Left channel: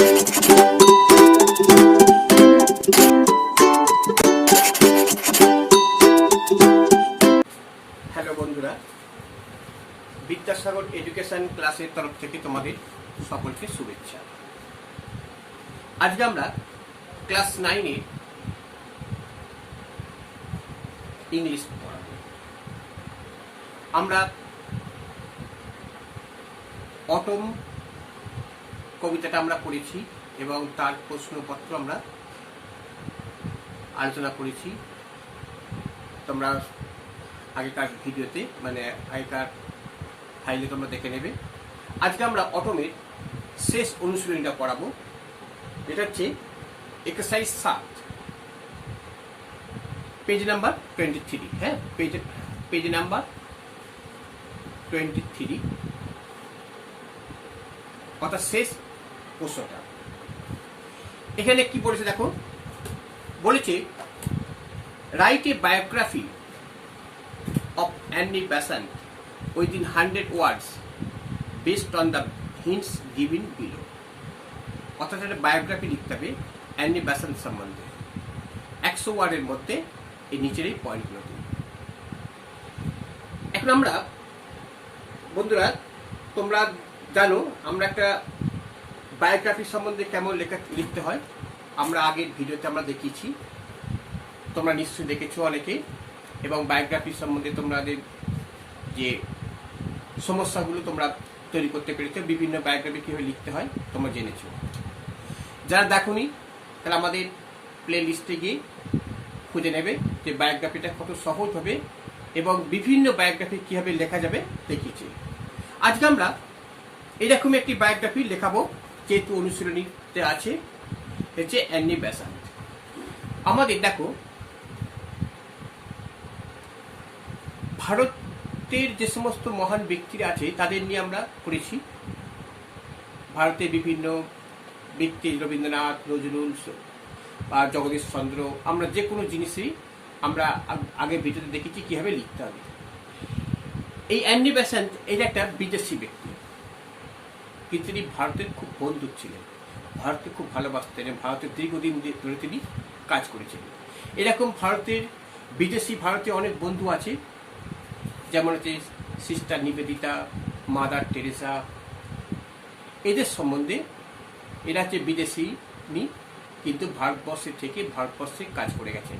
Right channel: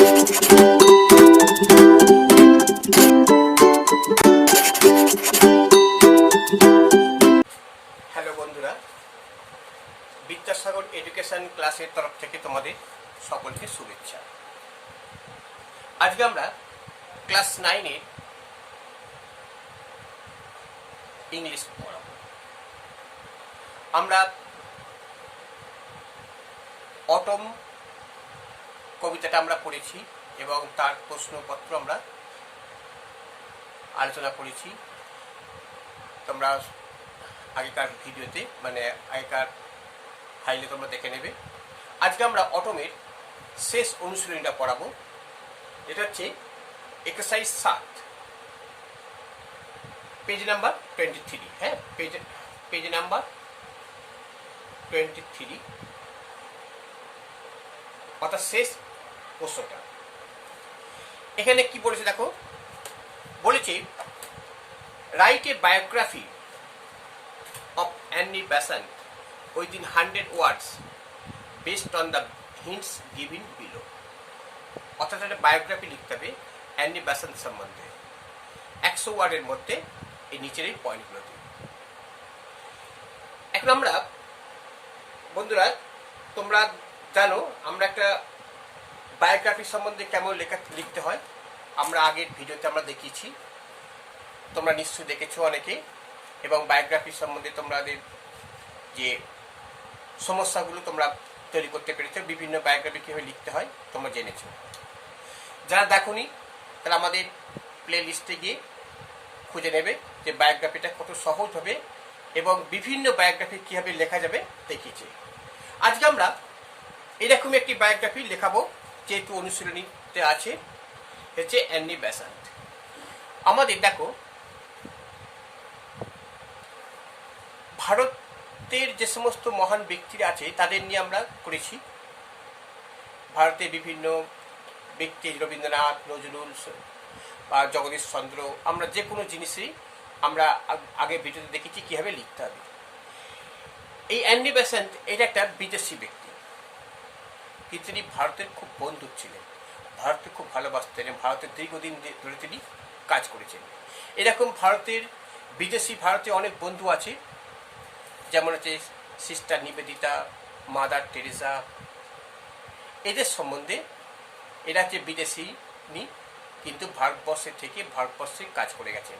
Hello বন্ধুরা, Vidyasagar education ক্লাসের তরফ থেকে তোমাদের সকলকে শুভেচ্ছা। আজকে আমরা ক্লাস 9-এ ইংলিশ পড়াবো। আমরা অটম কবিতাটা আমরা পড়েছি এবং তার প্রশ্নপত্র আমরা আলোচনা করেছি। তোমরা আগেকার ভিডিওতে আগেকার ফাইলে তোমরা দেখে নেবে। আজকে আমরা অটমের শেষ অনুশীলনীটা পড়াবো, যেটা হচ্ছে এক্সারসাইজ 7, পেজ নাম্বার 23। হ্যাঁ, পেজ নাম্বার 23, অর্থাৎ শেষ প্রশ্নটা। এখানে কি বলেছে দেখো, বলেছে write a biography of Annie Besant within 100 words based on the hints given below। অর্থাৎ একটা বায়োগ্রাফি লিখতে হবে অ্যানি বেসান্ত সম্বন্ধে 100 ওয়ার্ডের মধ্যে এই নিচের এই পয়েন্টগুলো দিন। এখন আমরা বন্ধুরা, তোমরা জানো আমরা একটা বায়োগ্রাফি সম্বন্ধে কেমন লিখতে হয় আমরা আগের ভিডিওতে আমরা দেখিয়েছি, তোমরা নিশ্চয়ই দেখেছো অনেকে, এবং বায়োগ্রাফি সম্বন্ধে তোমাদের যে সমস্যাগুলো তোমরা তৈরি করতে পেরেছো, বিভিন্ন বায়োগ্রাফি কীভাবে লিখতে হয় তোমরা জেনেছো। যারা দেখোনি তাহলে আমাদের প্লে লিস্টে গিয়ে খুঁজে নেবে যে বায়োগ্রাফিটা কত সহজ হবে এবং বিভিন্ন বায়োগ্রাফি কীভাবে লেখা যাবে দেখিয়েছি। আজকে আমরা এরকম একটি বায়োগ্রাফি লেখাবো, যেহেতু অনুশীলনীতে আছে, হচ্ছে অ্যানি বেসান্ত। আমাদের দেখো ভারতের যে সমস্ত মহান ব্যক্তিরা আছে তাদের নিয়ে আমরা করেছি। ভারতের বিভিন্ন ব্যক্তি, রবীন্দ্রনাথ, নজরুল বা জগদীশ চন্দ্র, আমরা যে কোনো জিনিসই আমরা আগে ভিডিওতে দেখেছি কীভাবে লিখতে হবে। এই অ্যানি বেসান্ত এটা একটা বিদেশি ব্যক্তি, কিন্তু তিনি ভারতের খুব বন্ধু ছিলেন, ভারতকে খুব ভালোবাসতেন এবং ভারতের দীর্ঘদিন ধরে তিনি কাজ করেছেন। এরকম ভারতে অনেক বন্ধু আছে, যেমন হচ্ছে সিস্টার নিবেদিতা, মাদার টেরেসা। এদের সম্বন্ধে এরা হচ্ছে বিদেশি কিন্তু ভারতবর্ষে থেকে ভারতবর্ষে কাজ করে গেছেন,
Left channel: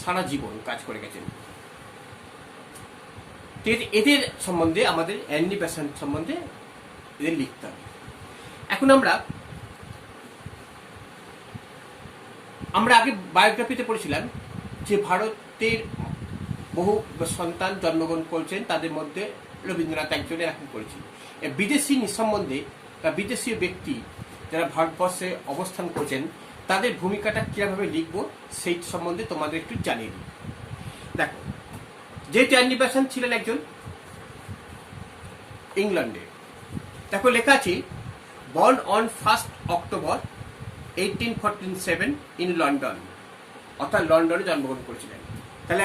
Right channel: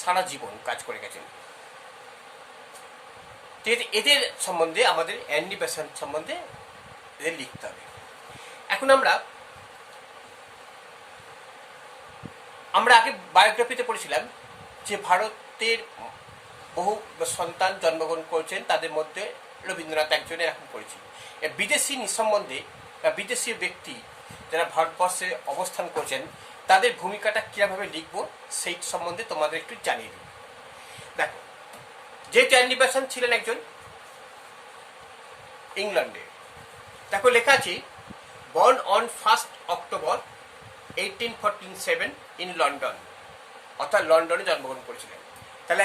সারা জীবন কাজ করে গেছেন। এদের সম্বন্ধে আমাদের অ্যানি বেসান্ত সম্বন্ধে এদের লিখতে হবে। এখন আমরা আগে বায়োগ্রাফিতে পড়েছিলাম যে ভারতের বহু সন্তান জন্মগ্রহণ করেছেন, তাদের মধ্যে রবীন্দ্রনাথ একজন, এরকম করেছি। বিদেশি সম্বন্ধে বা বিদেশি ব্যক্তি যারা ভারতবর্ষে অবস্থান করছেন তাদের ভূমিকাটা কীভাবে লিখব সেই সম্বন্ধে তোমাদের একটু জানিয়ে দিই। দেখো, যেহেতু অ্যানি বেসান্ত ছিলেন একজন ইংল্যান্ডে, দেখো লেখা আছে born on 1 October 1847 in London, অর্থাৎ লন্ডনে জন্মগ্রহণ করেছিলেন। তাহলে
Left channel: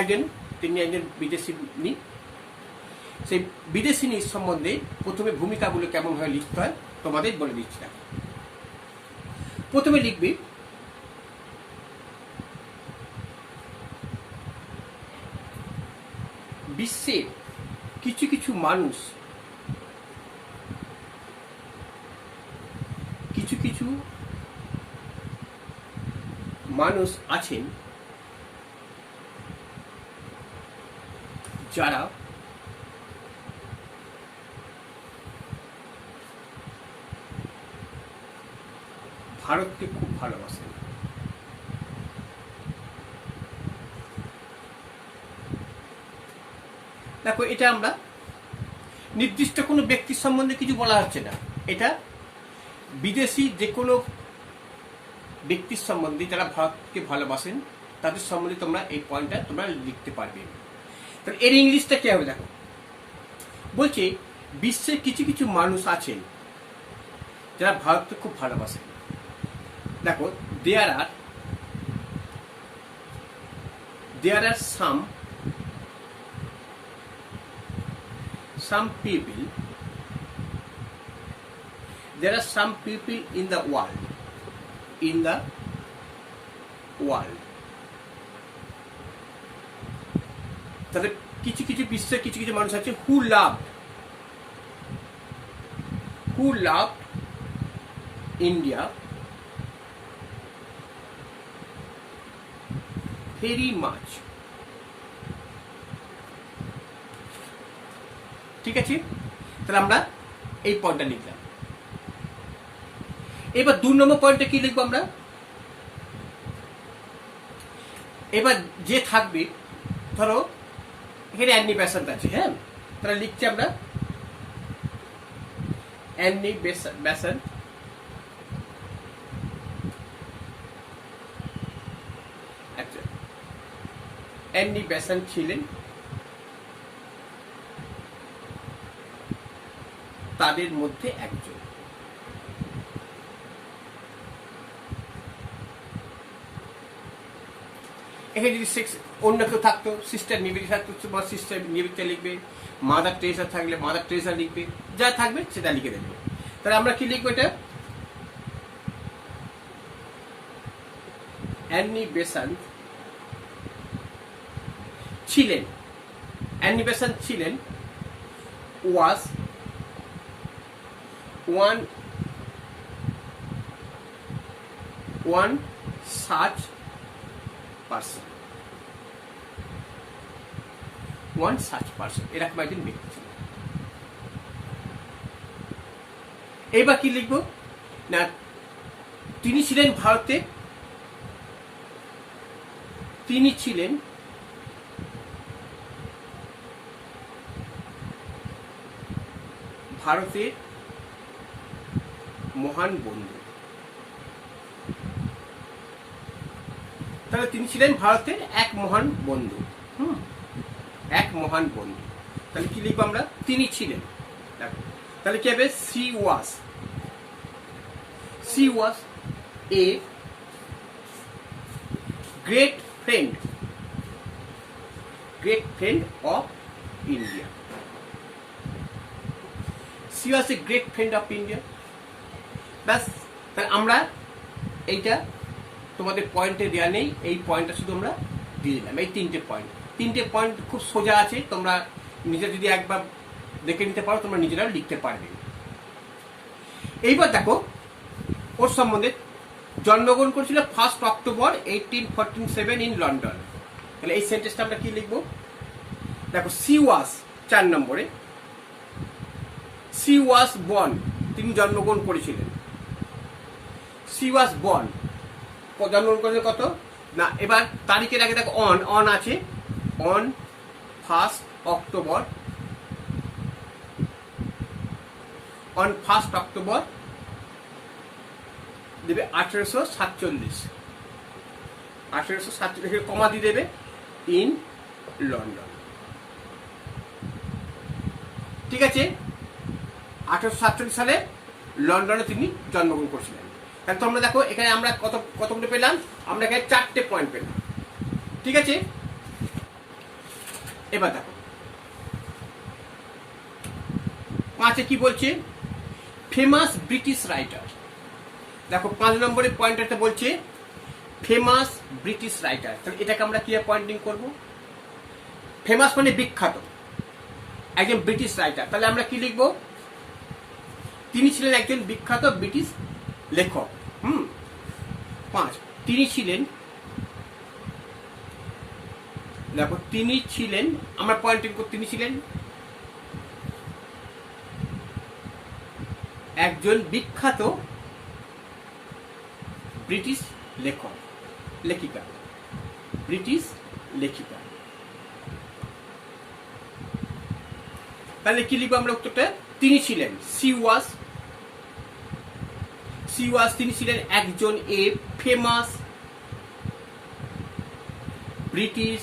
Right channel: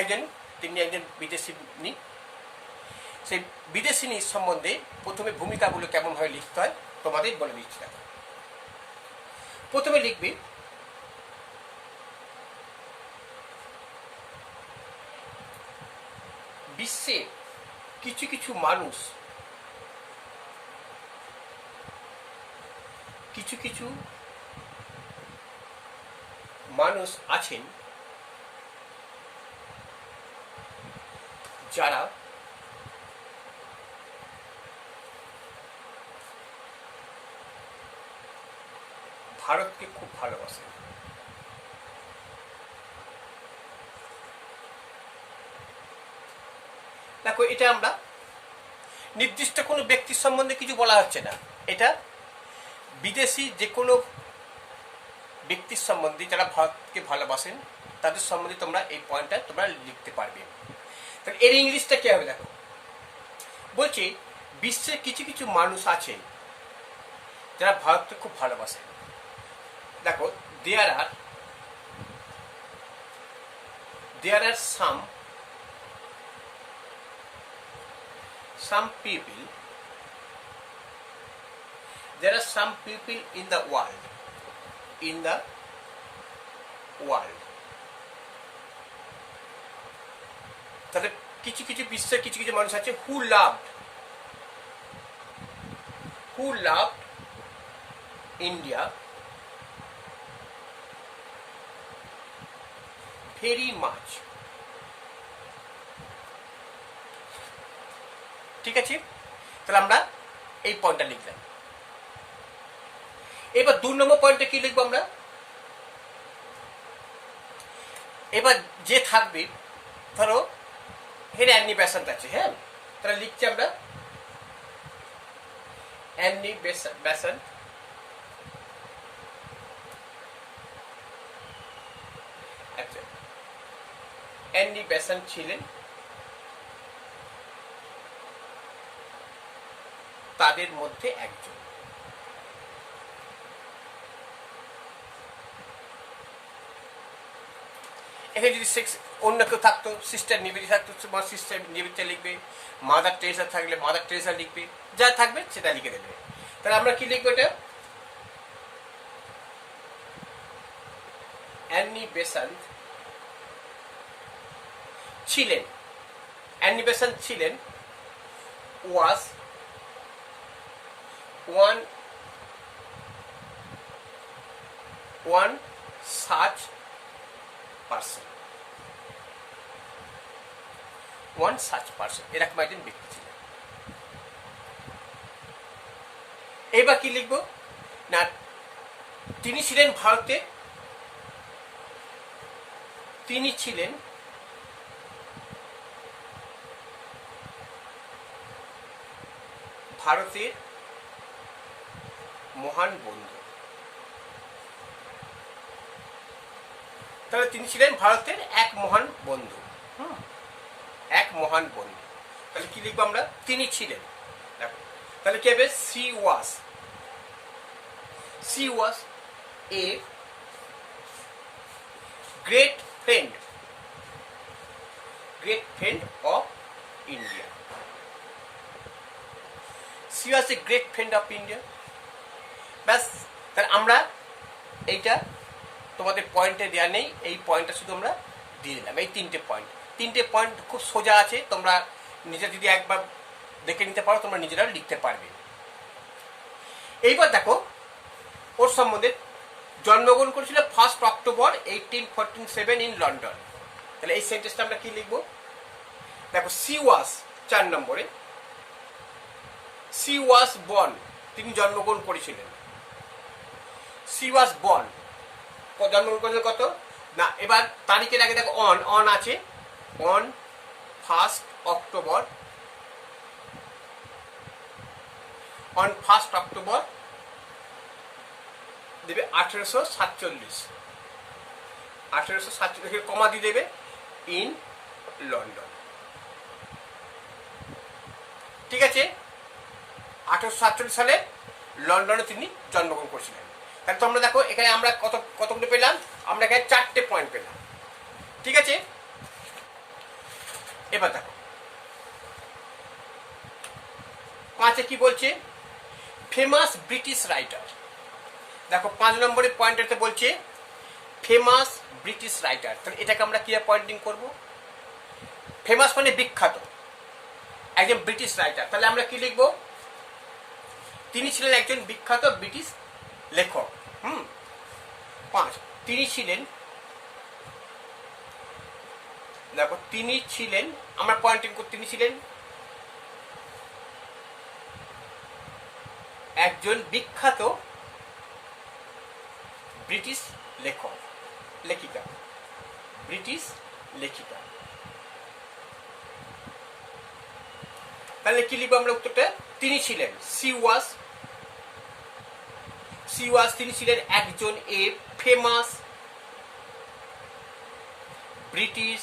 তিনি একজন বিদেশিনী। সেই বিদেশিনীর সম্বন্ধে প্রথমে ভূমিকাগুলো কেমনভাবে লিখতে হয় তোমাদের বলে দিচ্ছি। প্রথমে লিখবি বিশ্বে কিছু কিছু মানুষ আছেন যারা ভারতকে খুব ভালোবাসেন। দেখো, এটা আমরা নির্দিষ্ট কোনো ব্যক্তির সম্বন্ধে কিছু বলা হচ্ছে না, এটা বিদেশি যে কোনো ব্যক্তির সম্বন্ধে যারা ভারতকে ভালোবাসেন তাদের সম্বন্ধে তোমরা এই পয়েন্টটা তোমরা লিখতে পারবে। তাহলে এর ইংলিশটা কি হবে দেখো, বলছে বিশ্বে কিছু কিছু মানুষ আছেন যারা ভারতকে খুব ভালোবাসেন। দেখো, দেয়ার আর some people there are some people in the world, তাহলে কিছু কিছু বিশ্বের কিছু কিছু মানুষ আছে who loved India very much. ঠিক আছে, তাহলে আমরা এই পয়েন্টটা লিখলাম। এবার 2 নম্বর পয়েন্টে কি লিখবো আমরা? এবার যে থাকবে, ধরো এখানে অ্যানি বেসান্ট আছে, হ্যাঁ, তাহলে লিখছি আমরা অ্যানি বেসান্ট। আচ্ছা, অ্যানি বেসান্ট ছিলেন তাদের মধ্যে একজন। এখানে যদি অন্য কেউ থাকতো, সিস্টার নিবেদিতা থাকতো, সিস্টার নিবেদিতা লিখবে, মাদার টেরেসা থাকলে মাদার টেরেসা লিখবে, যা থাকবে সেটা লিখে দেবে। তাহলে আমরা কি লিখবো? এটা অ্যানি বেসান্ট ছিলেন, অ্যানি বেসান্ট ছিলেন was one such person, এরকম একজন ব্যক্তি ছিল। এবার কি লিখবো না, তিনি ছিলেন ভারতে, তিনি ছিলেন ভারতের মহান বন্ধু। তাহলে তিনি ছিলেন ভারতের এক মহান বন্ধু, এক মহান বন্ধু। তাহলে কি লিখবো আমরা? তিনি ছিলেন। তাহলে কি হবে? she was a great friend of India. She was a great friend of India. ব্যাস, তাহলে আমরা এইটা তোমাদের পয়েন্টে দেওয়া নেই, এই পয়েন্টটা শুধু আমরা দিয়ে দিলাম। এই তিনটে পয়েন্ট খুব সোজা আছে, তোমরা নিজে যদি একবার দেখে নিতে পারো তোমরা নিজেরা লিখতে পারবে। এইবার দেখো ওর সম্বন্ধে, জন্মগ্রহণ করেছিল 1 অক্টোবর 1847 ইন লন্ডন। তাহলে এই সেন্টেন্সটা আমরা কি লিখবো? দেখো she was 4 নম্বরে, she was born, তিনি জন্মগ্রহণ করেছিলেন। she was born, জন্মগ্রহণ করেছিলেন কত না, এবার তারিখের আগে দেখো অন আছে, on 1 অক্টোবর, on 1 অক্টোবর দেবে 1847 কমা দিয়ে দেবে ইন লন্ডন। ঠিক আছে, 1847 সালে লন্ডনে তিনি জন্মগ্রহণ করেছিলেন। তাহলে তোমরা দেখো এখানে আমরা কতগুলো পেলাম? আমরা এখানে 4টে পয়েন্ট পেলাম। ঠিক আছে, এবার দেখো 5-এ কি বলছে? Famous British writer. দেখো 5 নম্বরের পয়েন্টটাতে বলছে ফেমাস ব্রিটিশ রাইটার। তাহলে এটাকে আমরা কি পয়েন্টিং করব? ফেমাস মানে বিখ্যাত, একজন ব্রিটিশ রাইটার। তাহলে আমরা কি লিখবো? তিনি ছিলেন একজন বিখ্যাত ব্রিটিশ লেখক। 5, তিনি ছিলেন, দেখো তিনি ছিলেন, আমরা পয়েন্টিং করব, তিনি ছিলেন একজন বিখ্যাত ব্রিটিশ লেখিকা। তাহলে কি লিখবো আমরা উত্তরটা? তিনি ছিলেন, she was, তিনি ছিলেন একজন এ ফেমাস ব্রিটিশ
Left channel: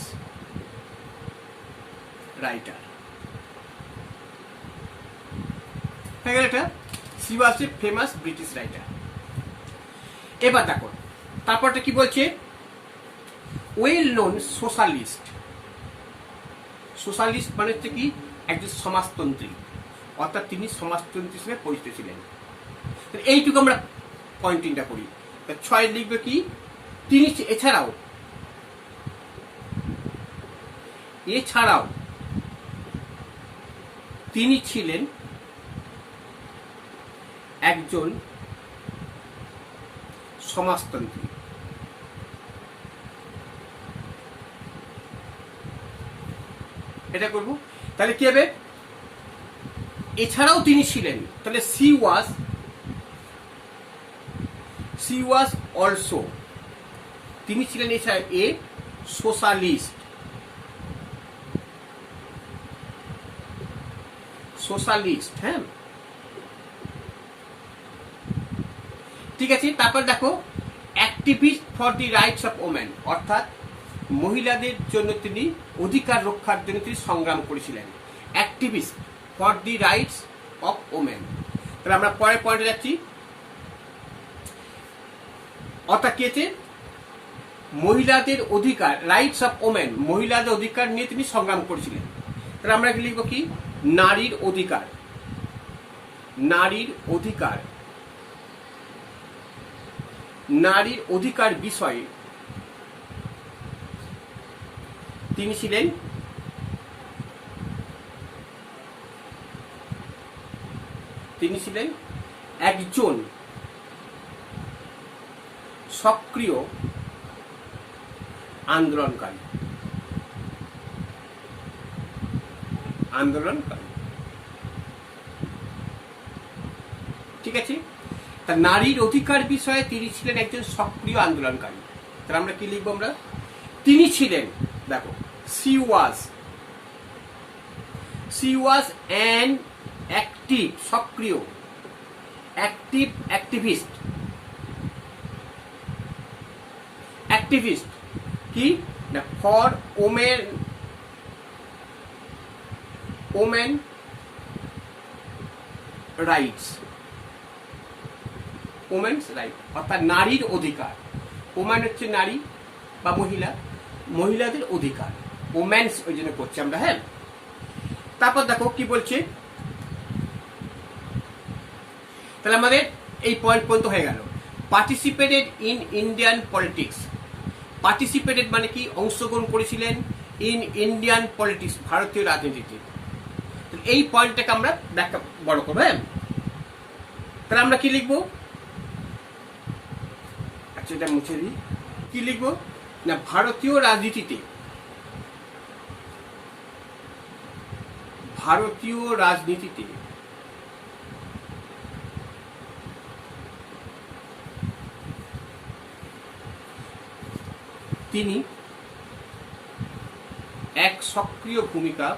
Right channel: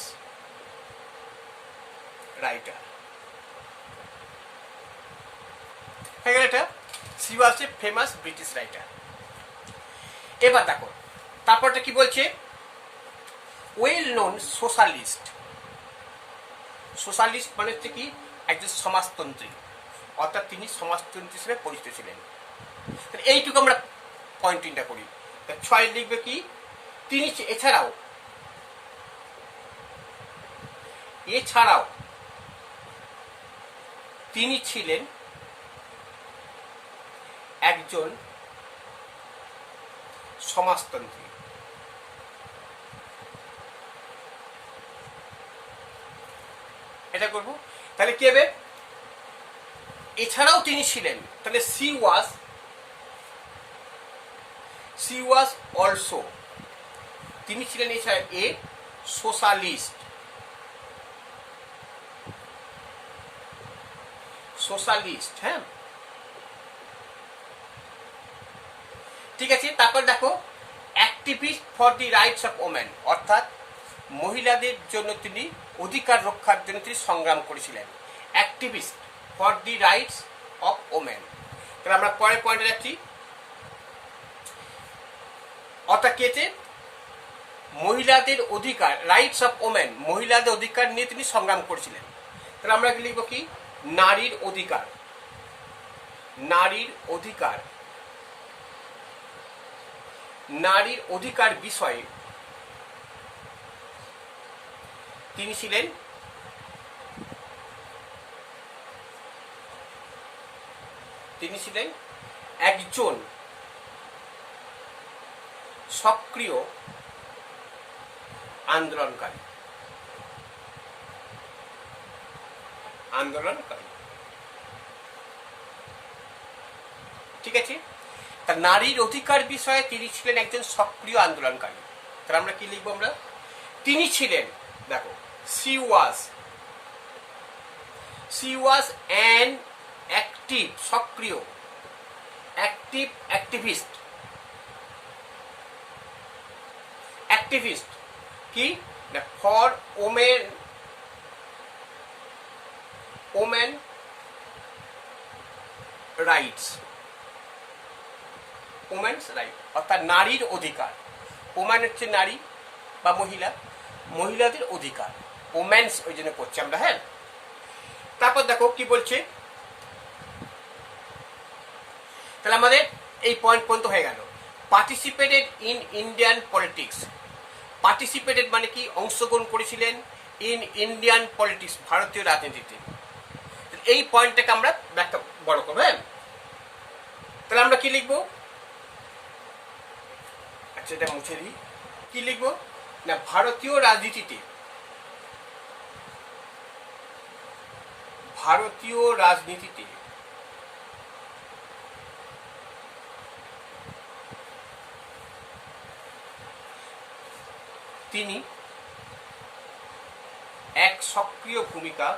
রাইটার। হয়ে গেল এটা, she was a famous British writer। এবার দেখো তারপরটা কি বলছে? ওয়েল নোন সোশ্যালিস্ট মানে হচ্ছে কি? একজন সমাজতন্ত্রী, অর্থাৎ তিনি সমাজতন্ত্রী হিসেবে পরিচিত ছিলেন। এইটুকু আমরা পয়েন্টিংটা করি। 6 লিখবে কি, তিনি এছাড়াও তিনি ছিলেন একজন সমাজতন্ত্রী। এটা করব, তাহলে কি হবে, এছাড়াও তিনি ছিলেন, তাহলে সি ওয়াজ অলসো, তিনি ছিলেন এছাড়া এ সোশ্যালিস্ট। হ্যাঁ, ঠিক আছে। তারপর দেখো, activist for the rights of women, অর্থাৎ মহিলাদের জন্য তিনি অধিকার রক্ষার জন্য তিনি সংগ্রাম করেছিলেন। Activist for the rights of women. তাহলে আমরা পরের পয়েন্টে যাচ্ছি, অর্থাৎ কি আছে, মহিলাদের অধিকার, রাইটস অফ ওমেন, মহিলাদের অধিকার নিয়ে তিনি সংগ্রাম করেছিলেন। তাহলে আমরা কি লিখবো, কি, নারীর অধিকার, নারীর অধিকার বিষয়ে তিনি ছিলেন একজন সক্রিয় আন্দোলনকারী। ঠিক আছে, তা নারীর অধিকার বিষয়ে তিনি ছিলেন একজন সক্রিয় আন্দোলনকারী। তাহলে আমরা কি লিখবো, আমরা তিনি ছিলেন, দেখো, সি ওয়াজ অ্যান অ্যাক্টিভ, সক্রিয়, অ্যাক্টিভিস্ট কি, ফর ওমেন রাইটস, অর্থাৎ নারীর অধিকার। ওম্যান হচ্ছে নারী বা মহিলা, মহিলাদের অধিকার, ওম্যান্স ওই জন্য করছি আমরা। হ্যাঁ, তারপর দেখো কি বলছে, তাহলে আমাদের এই পয়েন্ট পর্যন্ত হয়ে গেল। Participated in Indian politics, participated মানে কি, অংশগ্রহণ করেছিলেন, ইন ইন্ডিয়ান পলিটিক্স, ভারতীয় রাজনীতিতে। এই পয়েন্টটাকে আমরা ব্যাখ্যা বড় করবো। হ্যাঁ, তাহলে আমরা কি লিখবো, আচ্ছা এটা মুছে দিই, কি লিখবো না, ভারতীয় রাজনীতিতে তিনি এক সক্রিয় ভূমিকা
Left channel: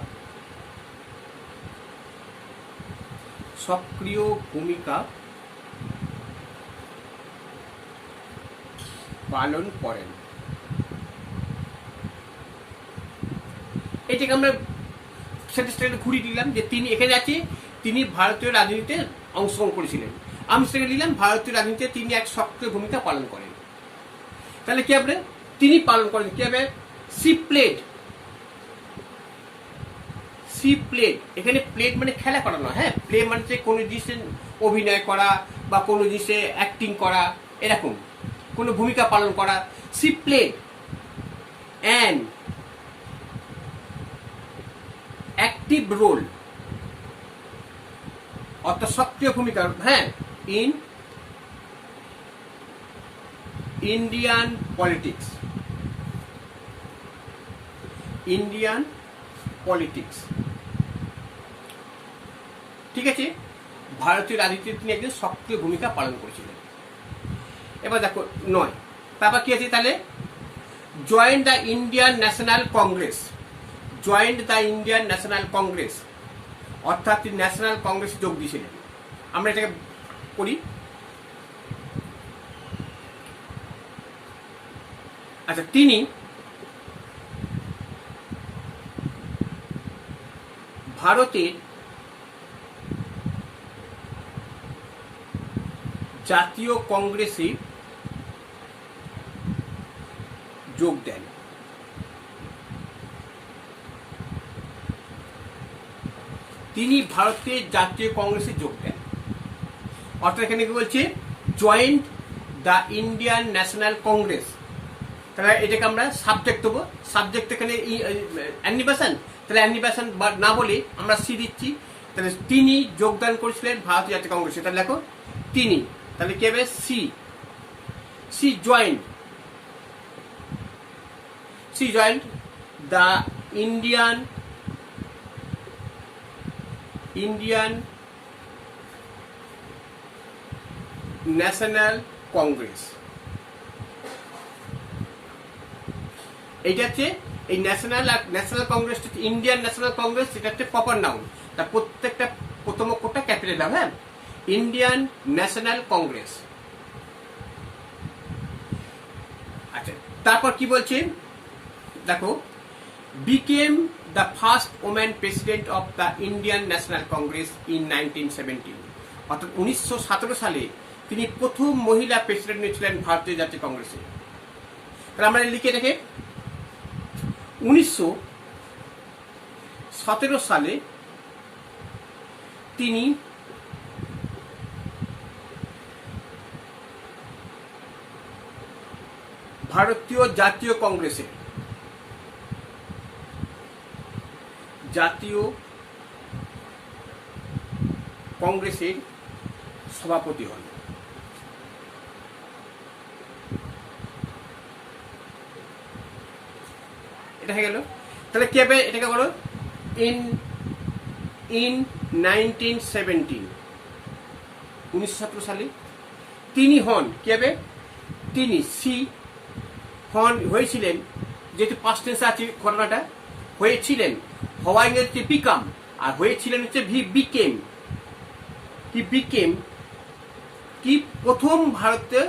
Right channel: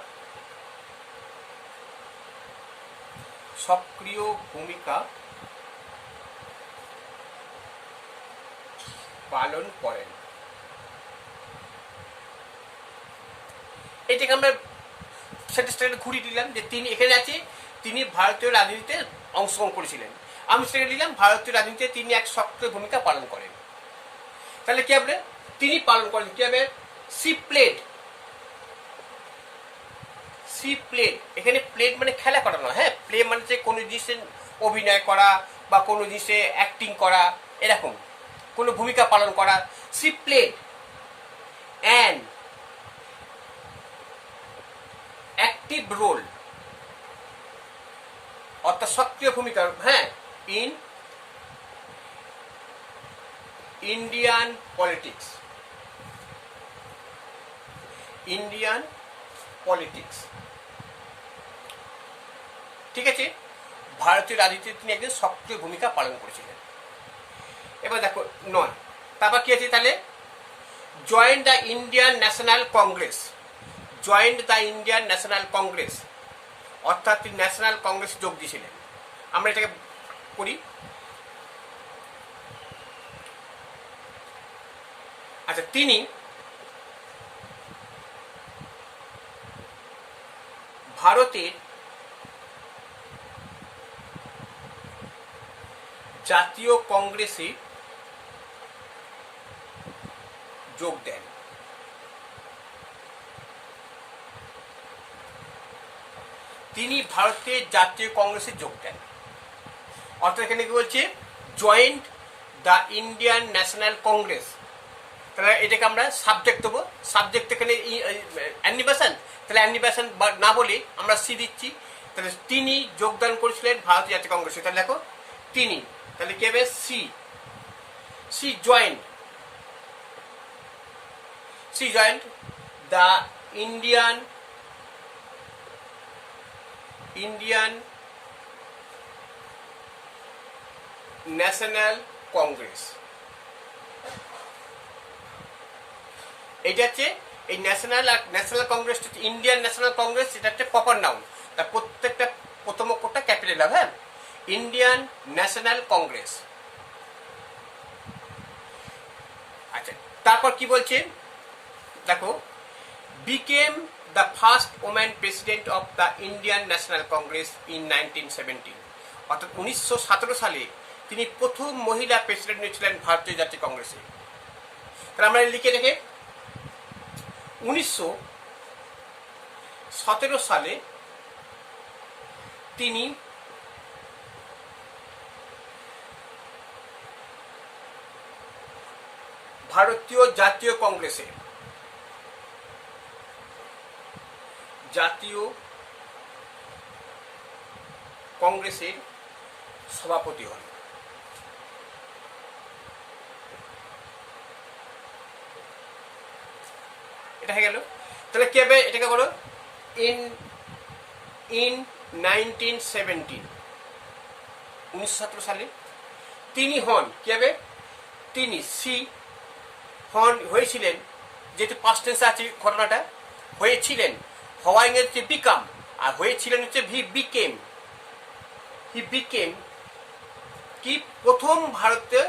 পালন করেন। এটাকে আমরা সেটা ঘুরিয়ে দিলাম, যে তিনি এখানে আছে, তিনি ভারতীয় রাজনীতিতে অংশগ্রহণ করেছিলেন। আমি সেটা নিলাম, ভারতীয় রাজনীতিতে তিনি এক সক্রিয় ভূমিকা পালন করেন। তাহলে কি হবে, তিনি পালন করেন, কি হবে, সি প্লেড, এখানে প্লেড মানে খেলা করানো। হ্যাঁ, প্লে মানে যে কোনো জিনিসে অভিনয় করা বা কোনো জিনিসে অ্যাক্টিং করা, এরকম কোনো ভূমিকা পালন করা। He played an active role, অর্থাৎ সক্রিয় ভূমিকা, হ্যাঁ, ইন ইন্ডিয়ান পলিটিক্স, ঠিক আছে, ভারতীয় রাজনীতিতে তিনি একজন সক্রিয় ভূমিকা পালন করেছিলেন। এবার দেখো 9, তারপর কি আছে, তাহলে join the Indian National Congress, অর্থাৎ তিনি ন্যাশনাল কংগ্রেসে যোগ দিয়েছিলেন। আমরা এটাকে করি, আচ্ছা, তিনি ভারতের জাতীয় কংগ্রেসে যোগ দেন। অর্থাৎ এখানে কি বলছে joint the Indian National Congress, তাহলে এটাকে আমরা সাবজেক্ট দেবো, সাবজেক্ট এখানে অ্যানিবেশন, তাহলে অ্যানিবেশন না বলে আমরা সি দিচ্ছি, তাহলে তিনি যোগদান করেছিলেন ভারতীয় জাতীয় কংগ্রেসে, তাহলে দেখো তিনি, তাহলে কি হবে he, he joined the Indian National Congress. এইটা হচ্ছে এই National Congress, Indian National Congress, এটা হচ্ছে প্রপার নাউন, তার প্রত্যেকটা প্রথম অক্ষরটা ক্যাপিটাল হবে, হ্যাঁ, ইন্ডিয়ান ন্যাশনাল কংগ্রেস। আচ্ছা, তারপর কি বলছে দেখো, became the first woman president of the Indian National Congress in 1917, অর্থাৎ 1917 সালে তিনি প্রথম মহিলা প্রেসিডেন্ট হয়েছিলেন ভারতীয় জাতীয় কংগ্রেসে। তাহলে আমরা লিখে রেখে 1917 সালে তিনি ভারতীয় জাতীয় কংগ্রেসের সভাপতি হন। এটা হয়ে গেল। তাহলে কি হবে, এটাকে করো ইন 1917, 1917 সালে তিনি হন, কি হবে তিনি, সি হন হয়েছিলেন, যেহেতু পাস্ট টেন্সে আছে ঘটনাটা, হয়েছিলেন, হওয়া হচ্ছে বিকাম, আর হয়েছিলেন হচ্ছে হি বিকেম কি প্রথম ভারতের,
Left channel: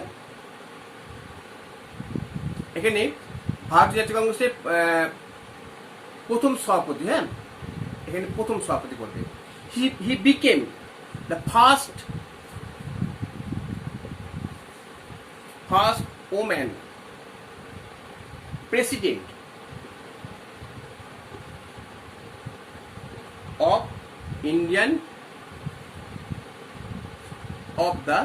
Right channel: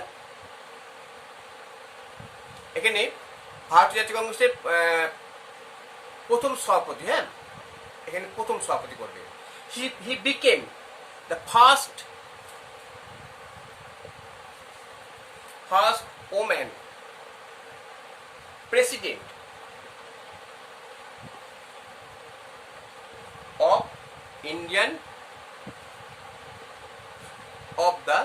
এখানে ভারতীয় জাতীয় কংগ্রেসের প্রথম সভাপতি, হ্যাঁ, এখানে প্রথম সভাপতি করবে, he became the first woman president of Indian of the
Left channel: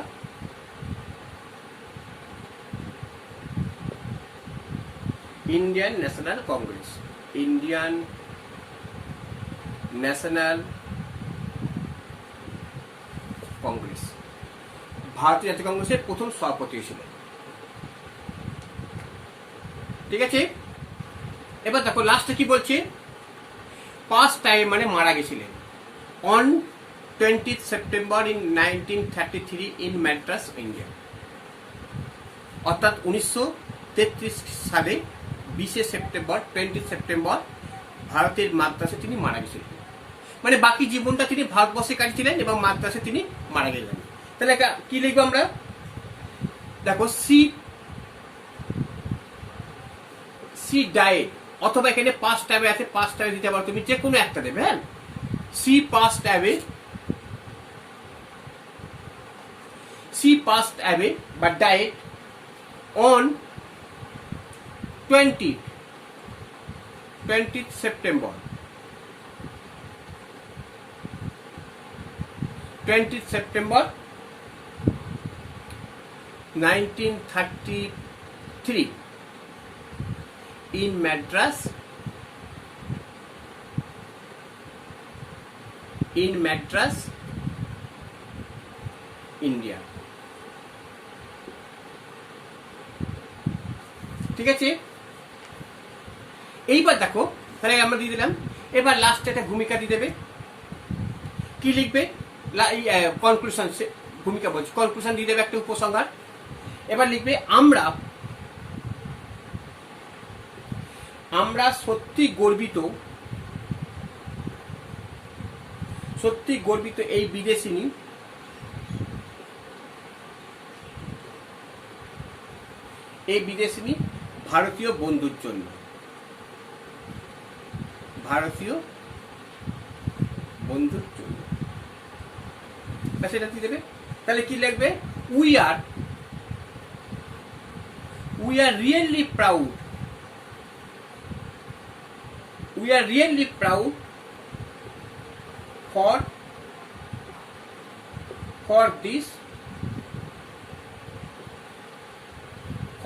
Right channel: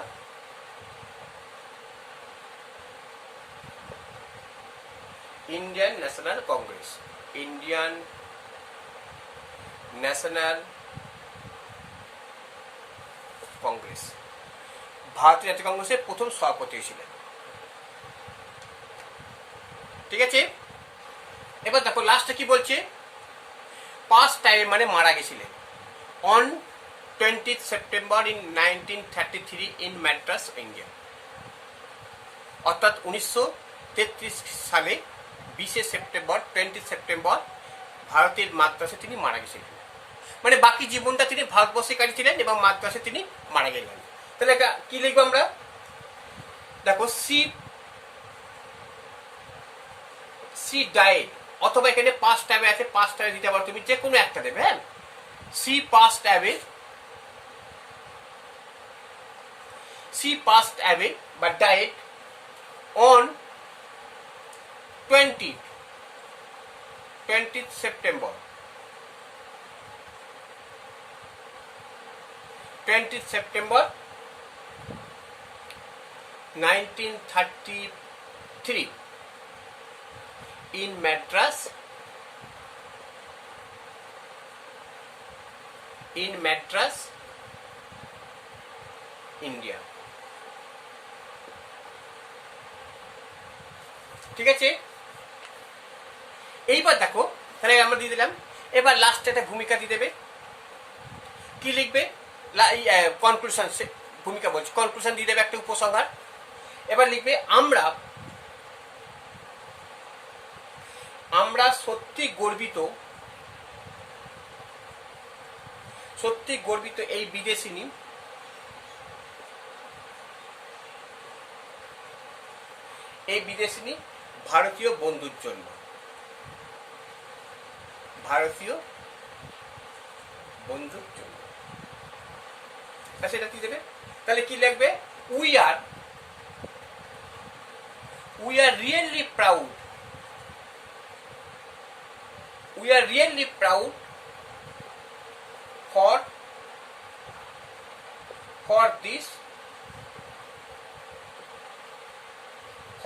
Indian National Congress, Indian National Congress, ভারতীয় জাতীয় কংগ্রেসের প্রথম সভাপতি ছিলেন। ঠিক আছে, এবার দেখো লাস্টে কি বলছে, পাস্ট টাইম মানে মারা গেছিলেন, on 20th September in 1933 in Madras, India, অর্থাৎ 1933 সালে 20 সেপ্টেম্বর ভারতের মাদ্রাসে তিনি মারা গেছিলেন, মানে বাকি জীবনটা তিনি ভারতবর্ষে কাটিয়েছিলেন এবং মাদ্রাসে তিনি মারা গেলেন। তাহলে কি লিখবো আমরা, দেখো সি ডায়েট, অথবা এখানে পাস্ট টাইমে আছে, পাস্ট টাইমে দিতে পারো তুমি, যে কোনো একটা দেবে, হ্যাঁ, সি পাস্ট অ্যাওয়ে বা diet on 20th September 1933 in Madras, India। ঠিক আছে, এইবার দেখো, তাহলে আমরা দিয়ে দিলাম, এবার লাস্টে একটা ভূমিকা দিয়ে দেবে, কি লিখবে, কনক্লুশন, ভূমিকা বলছি, কনক্লুশন দিয়ে দেবে একটা উপসংহার। এবার লিখবে, আমরা সত্যি গর্বিত এই বিদেশিনী ভারতীয় বন্ধুর জন্য, সেটা কি দেবে, তাহলে কি লিখবে, we are really proud, for this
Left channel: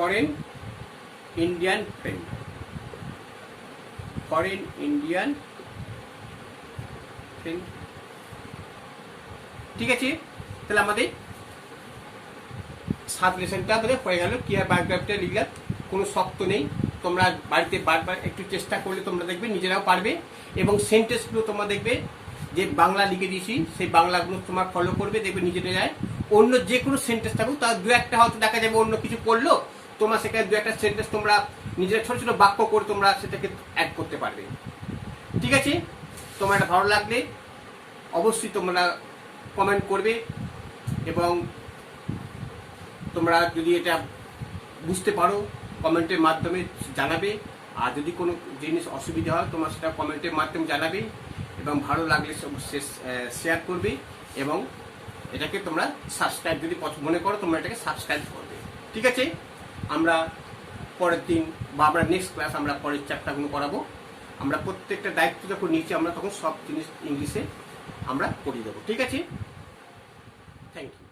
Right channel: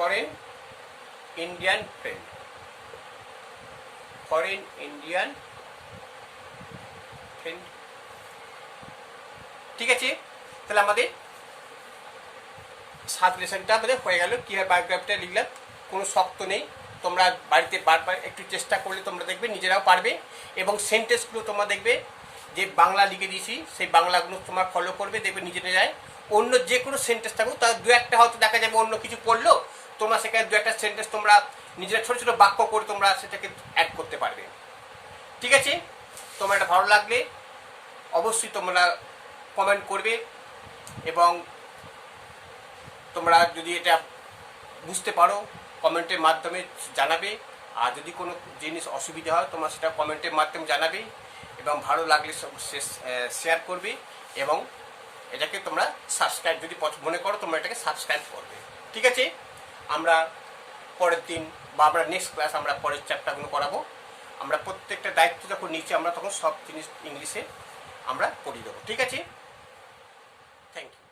foreign Indian friend, foreign Indian friend. ঠিক আছে, তাহলে আমাদের 7 লেসনটা আমাদের হয়ে গেল। কীভাবে বায়োগ্রাফিটা লিখলাম, কোনো শক্ত নেই। তোমরা বাড়িতে বারবার একটু চেষ্টা করলে তোমরা দেখবে নিজেরাও পারবে। এবং সেন্টেন্সগুলো তোমরা দেখবে যে বাংলা লিখে দিয়েছি, সেই বাংলাগুলো তোমার ফলো করবে, দেখবে নিজেরা যায়। অন্য যে কোনো সেন্টেন্স থাকুক, তার দু একটা হয়তো দেখা যাবে অন্য কিছু পড়লো, তোমরা সেখানে দু একটা সেন্টেন্স তোমরা নিজেরা ছোটো ছোটো বাক্য করে তোমরা সেটাকে অ্যাড করতে পারবে। ঠিক আছে, তোমার এটা ভালো লাগলে অবশ্যই তোমরা কমেন্ট করবে, এবং তোমরা যদি এটা বুঝতে পারো কমেন্টের মাধ্যমে জানাবে। আর যদি কোনো জিনিস অসুবিধা হয় তোমরা সেটা কমেন্টের মাধ্যমে জানাবে, এবং ভালো লাগলে শেয়ার করবে, এবং এটাকে তোমরা সাবস্ক্রাইব যদি মনে করো তোমরা এটাকে সাবস্ক্রাইব করবে। ঠিক আছে, আমরা পরের দিন বা আমরা নেক্সট ক্লাস আমরা পরের চ্যাপ্টারগুলো করাবো। আমরা প্রত্যেকটা দায়িত্ব যখন নিচে আমরা তখন সব জিনিস ইংলিশে আমরা করিয়ে দেবো। ঠিক আছে, থ্যাংক ইউ।